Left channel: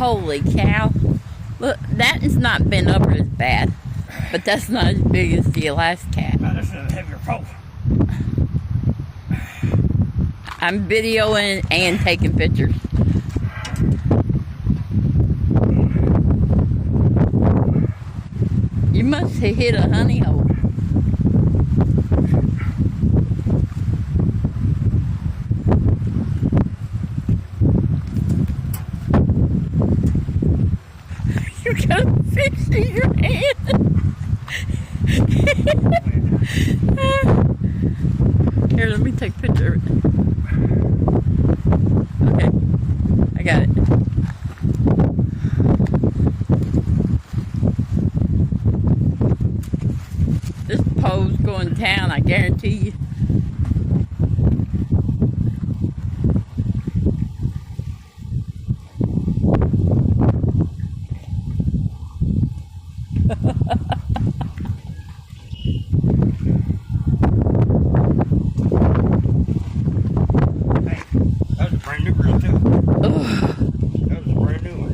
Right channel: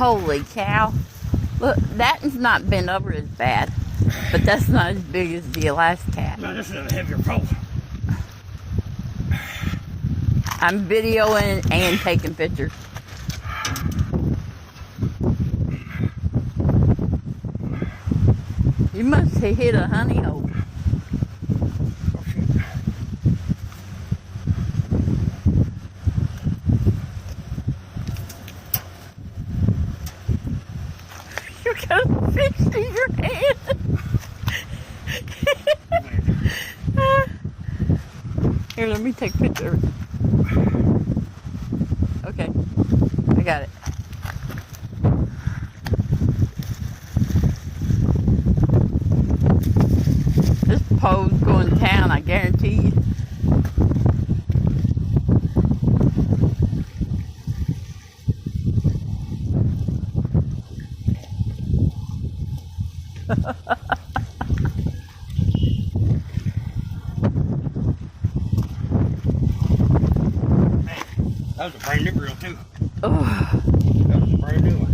Holy cow. Look, that has not been over as bad. But that's not as big as the last cat. No, this is a heavier pole. I'm videoing and taking pictures. You must have hit a honey hole. You got a fish in your hand. Here, let me take a picture of it. Okay, I got it. This pole's going down, I guarantee you. That was a brand new grill too. Oh. That was a brand new one.